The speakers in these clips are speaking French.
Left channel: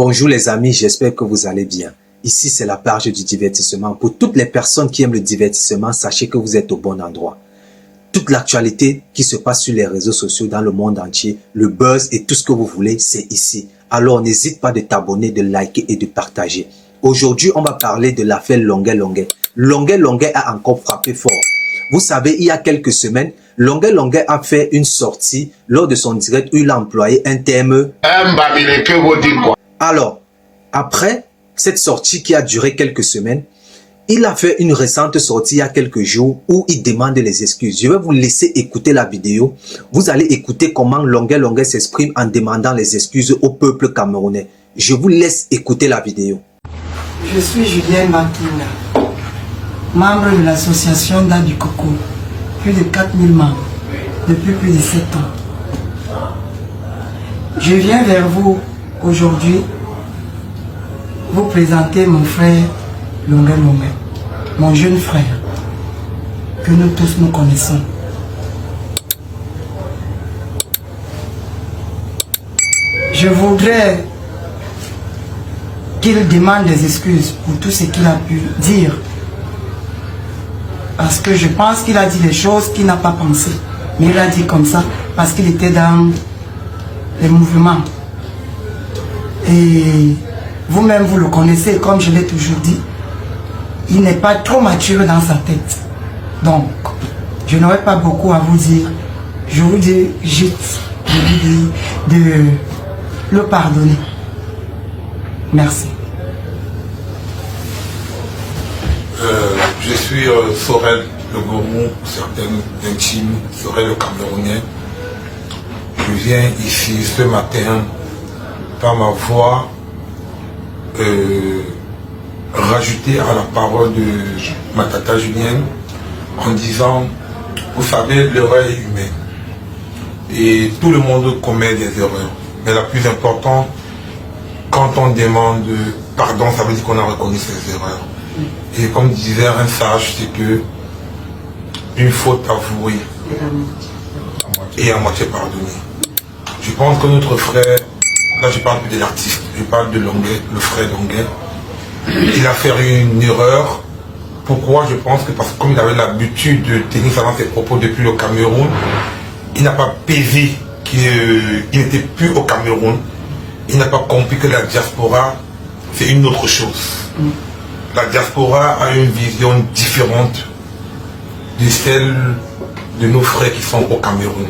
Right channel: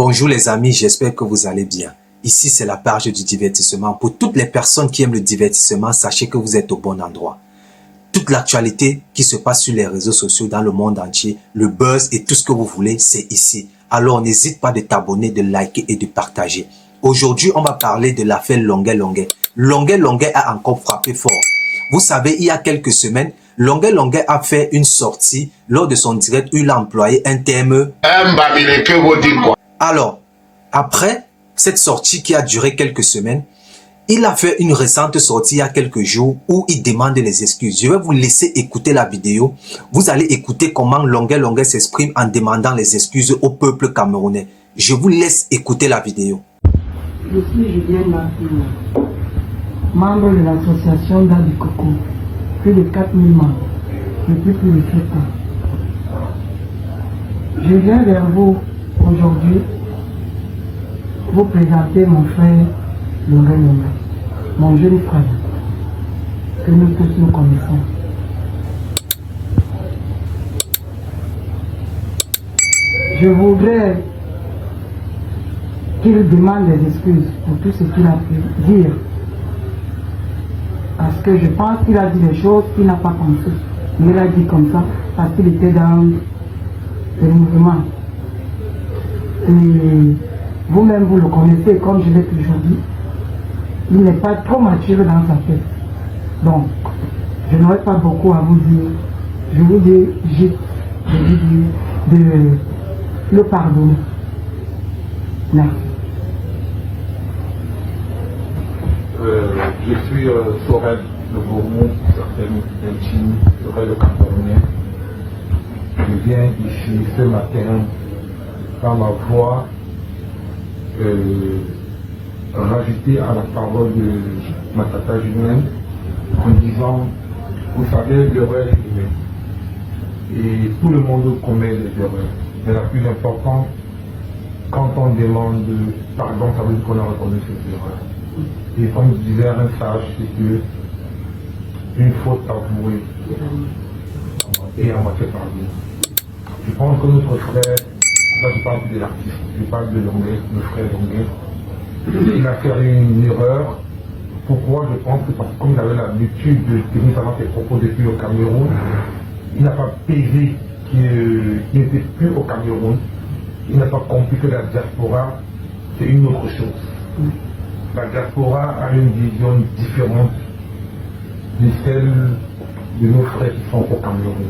Bonjour les amis, j'espère que vous allez bien. Ici, c'est la page du divertissement. Pour toutes les personnes qui aiment le divertissement, sachez que vous êtes au bon endroit. Toute l'actualité qui se passe sur les réseaux sociaux dans le monde entier, le buzz et tout ce que vous voulez, c'est ici. Alors, n'hésite pas de t'abonner, de liker et de partager. Aujourd'hui, on va parler de l'affaire Longuet Longuet. Longuet Longuet a encore frappé fort. Vous savez, il y a quelques semaines, Longuet Longuet a fait une sortie lors de son direct où il a employé un terme. Alors, après cette sortie qui a duré quelques semaines, il a fait une récente sortie il y a quelques jours où il demande les excuses. Je vais vous laisser écouter la vidéo. Vous allez écouter comment Longuet Longuet s'exprime en demandant les excuses au peuple camerounais. Je vous laisse écouter la vidéo. Je suis Julien Bankina, membre de l'association Da du Coco. Plus de 4000 membres depuis plus de 7 ans. Je viens vers vous aujourd'hui vous présenter mon frère Longuet Longuet, mon jeune frère, que nous tous nous connaissons. Je voudrais qu'il demande des excuses pour tout ce qu'il a pu dire. Parce que je pense qu'il a dit des choses qu'il n'a pas pensé. Mais il a dit comme ça parce qu'il était dans les mouvements. Et vous-même, vous le connaissez, comme je l'ai toujours dit. Il n'est pas trop mature dans sa tête. Donc, je n'aurai pas beaucoup à vous dire. Je vous dis juste de le pardonner. Merci. Je suis Sorel, le gourou, certains intimes, Sorel le Camerounais. Je viens ici ce matin par ma voix rajouter à la parole de ma tata Julienne en disant, vous savez, l'erreur est humaine et tout le monde commet des erreurs. Mais la plus importante, quand on demande pardon, ça veut dire qu'on a reconnu ses erreurs. Et comme disait un sage, c'est que une faute avouée et à moitié pardonnée. Je pense que notre frère, là je parle plus de l'artiste, je parle de Longuet, le frère Longuet, il a fait une erreur. Pourquoi? Je pense que parce que comme il avait l'habitude de tenir ça dans ses propos depuis le Cameroun, il n'a pas pesé qu'il n'était plus au Cameroun. Il n'a pas compris que la diaspora, c'est une autre chose. La diaspora a une vision différente de celle de nos frères qui sont au Cameroun.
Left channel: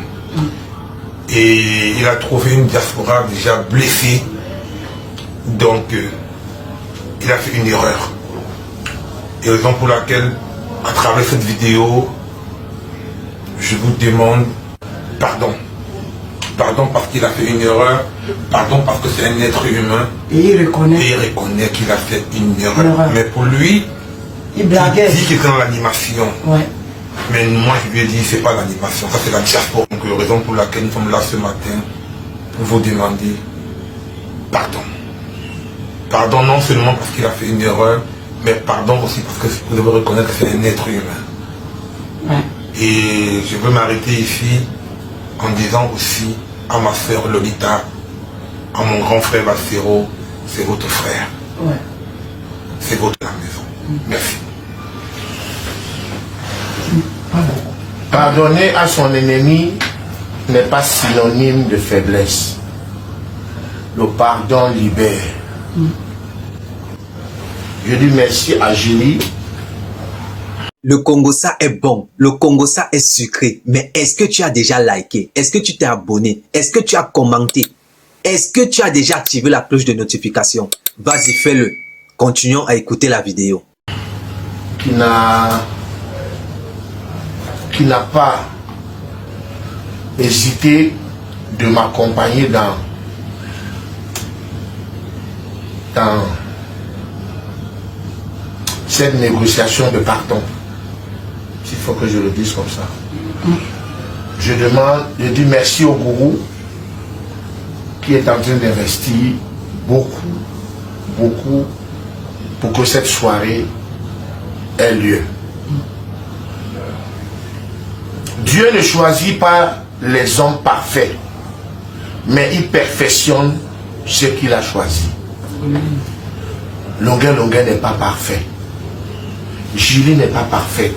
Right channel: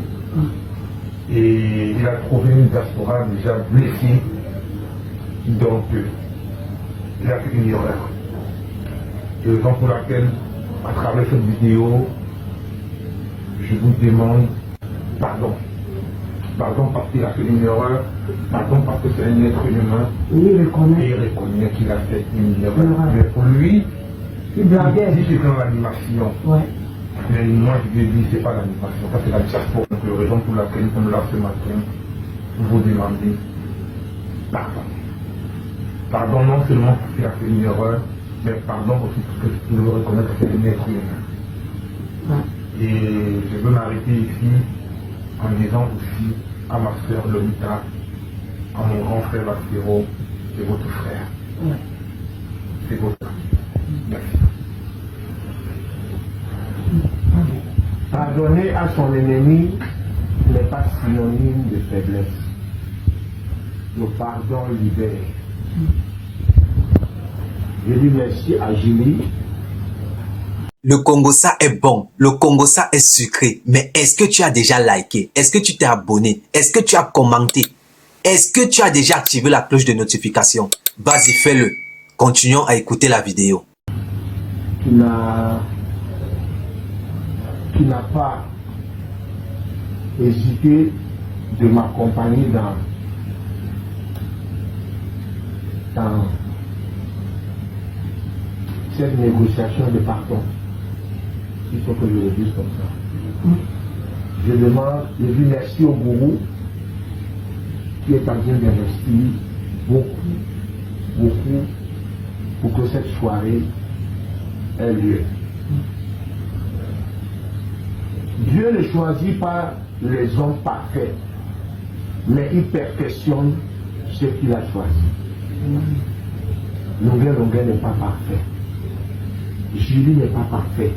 Et il a trouvé une diaspora déjà blessée. Donc, il a fait une erreur. Et raison pour laquelle, à travers cette vidéo, je vous demande pardon. Pardon parce qu'il a fait une erreur. Pardon parce que c'est un être humain. Et il reconnaît. Et il reconnaît qu'il a fait une erreur. Mais pour lui, il blaguait. Il dit qu'il est dans l'animation. Ouais. Mais moi, je lui ai dit, c'est pas l'animation, ça c'est la diaspora. Donc, raison pour laquelle nous sommes là ce matin, pour vous demander pardon. Pardon non seulement parce qu'il a fait une erreur, mais pardon aussi parce que vous devez reconnaître que c'est un être humain. Ouais. Et je veux m'arrêter ici en disant aussi à ma soeur Lolita, à mon grand frère Bassero, c'est votre frère. Ouais. C'est votre la maison. Merci. Pardonner à son ennemi n'est pas synonyme de faiblesse. Le pardon libère. Je dis merci à Julie. Le Congo-ça est bon, le Congo-ça est sucré, mais est-ce que tu as déjà liké? Est-ce que tu t'es abonné? Est-ce que tu as commenté? Est-ce que tu as déjà activé la cloche de notification? Vas-y, fais-le. Continuons à écouter la vidéo. Qui n'a pas hésité de m'accompagner dans cette négociation de pardon. S'il faut que je le dise comme ça. Je dis merci au gourou qui est en train d'investir beaucoup pour que cette soirée ait lieu. Dieu ne choisit pas les hommes parfaits, mais il perfectionne ce qu'il a choisi. Longuet n'est pas parfait. Julie n'est pas parfaite.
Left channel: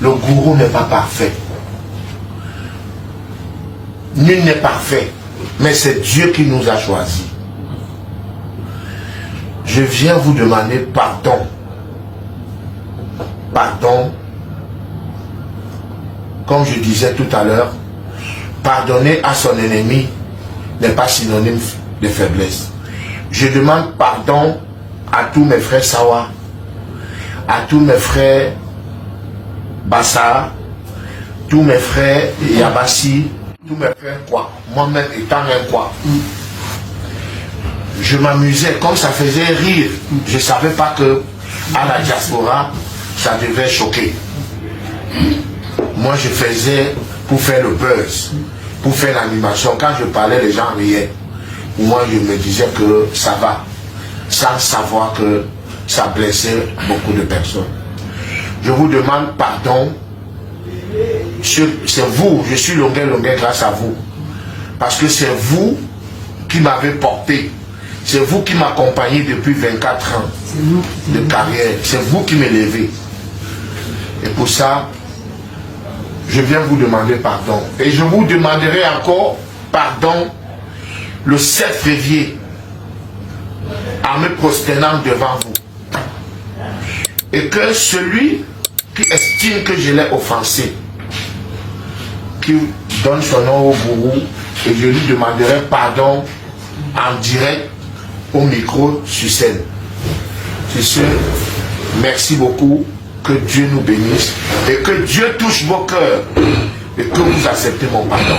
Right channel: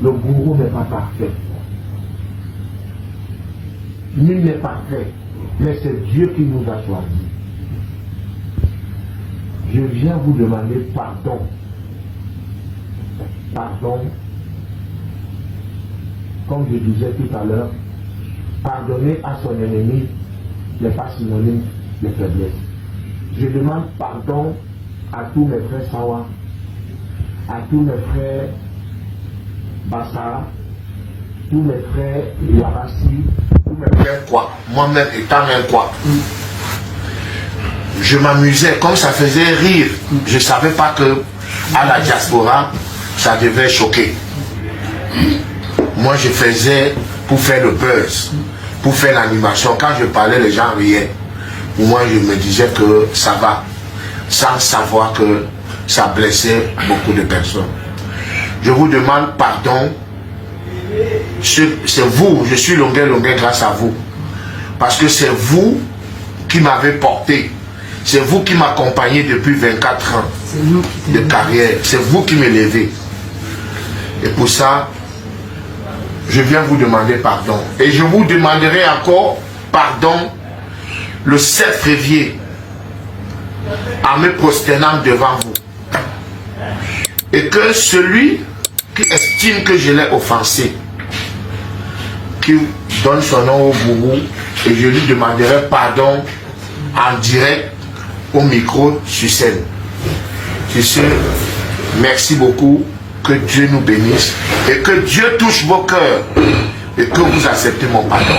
Le gourou n'est pas parfait. Nul n'est parfait. Mais c'est Dieu qui nous a choisis. Je viens vous demander pardon. Pardon. Comme je disais tout à l'heure, pardonner à son ennemi n'est pas synonyme de faiblesse. Je demande pardon à tous mes frères Sawa, à tous mes frères Bassa, tous mes frères Yabassi, tous mes frères quoi, moi-même étant même quoi. Je m'amusais, comme ça faisait rire. Je ne savais pas que à la diaspora, ça devait choquer. Moi, je faisais pour faire le buzz, pour faire l'animation. Quand je parlais, les gens riaient. Moi, je me disais que ça va, sans savoir que ça blessait beaucoup de personnes. Je vous demande pardon. C'est vous, je suis Longuet grâce à vous. Parce que c'est vous qui m'avez porté. C'est vous qui m'accompagnez depuis 24 ans de carrière. C'est vous qui me levez. Et pour ça, je viens vous demander pardon. Et je vous demanderai encore pardon le 7 février en me prosternant devant vous. Et que celui qui estime que je l'ai offensé, qui donne son nom au gourou, et je lui demanderai pardon en direct au micro sur scène. Sur ce, merci beaucoup, que Dieu nous bénisse et que Dieu touche vos cœurs et que vous acceptez mon pardon.